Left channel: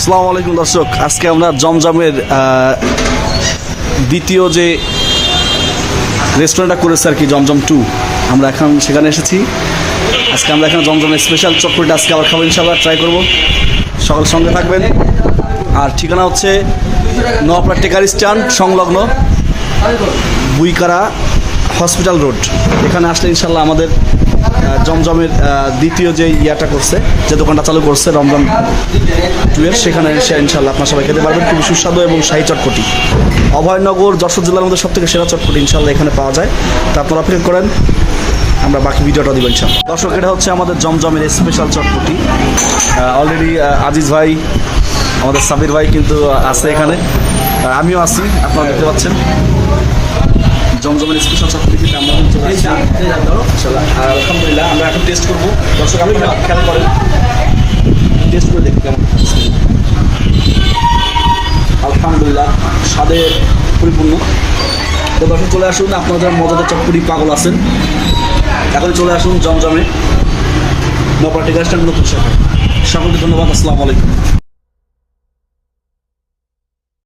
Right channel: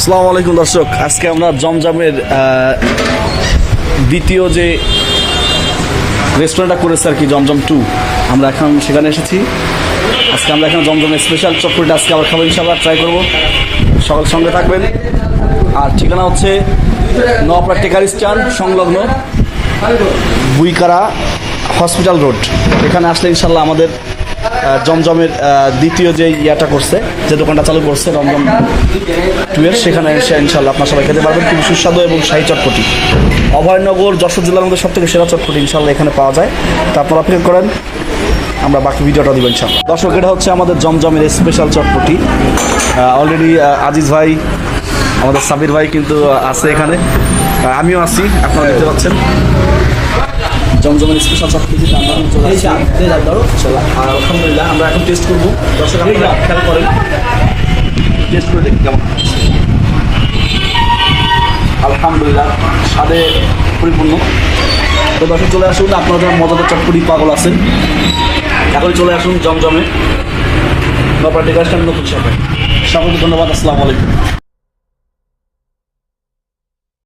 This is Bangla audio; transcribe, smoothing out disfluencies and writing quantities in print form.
আসসালামু আলাইকুম দর্শক, আজকে আমরা জমজমের দ্বিতীয় যে রেস্টুরেন্টটা করেছে আর কি, জমজম 2, আমরা এখন সেখানে এসেছি। আজকে আমরা এখানে জমজমের স্পেশাল চটপটিটা আজকে আবার খাবো, ইনশাআল্লাহ ট্রাই করবো। সকাল সঙ্গে থাকবেন। আর ঠিকানা হচ্ছে নোয়াপাড়া টেকার স্ট্যান্ড সংলগ্ন বুইকারা হসপিটাল রোড। এখানে আসলে ইনশাল্লাহ আমাদের জমজমের দ্বিতীয় যে ইয়াটা করছে, যে দোকানটা চালু করছে জমজম 2 এর, সেখানে এসে ইনশাল্লাহ আপনার সবাই খেতে পারবেন। খুবই সুস্বাদু এবং শাহী চটপটি, অভয়নগর যশোর জেলার মধ্যে সব থেকে সেরা চটপটি ইনশাল্লাহ এখানে পাওয়া যায়। তা আপনারা অপেক্ষা করেন, আমরা বাকি ভিডিওটা দিব ইনশাল্লাহ। দর্শক, এটা হচ্ছে আমাদের জমজমের স্পেশাল চটপটি। অলরেডি আজিজ ভাই, আমাদের সাবির ভাই কিন্তু আছে এখানে, আমিও আছি, আপনারা দেখতে পাচ্ছেন। জমজমের স্পেশাল চটপটি কিন্তু আমরা চলে আসছি। আর আলহামদুলিল্লাহ আমরা এখন টেস্ট করবো। দর্শক, আপনারা খেয়াল করেন, টেস্ট করে দেখি কেমন। আলহামদুলিল্লাহ স্বাদে পরিপূর্ণ। তো দর্শক চলে আসুন, আপনারা যখন মজাদার চটপটি পাগল আছেন, এখন চলে আসুন জমজমে, নোয়াপাড়া টেকার স্ট্যান্ড নতুন শাখায়। সকলকে ধন্যবাদ। আসসালামু আলাইকুম।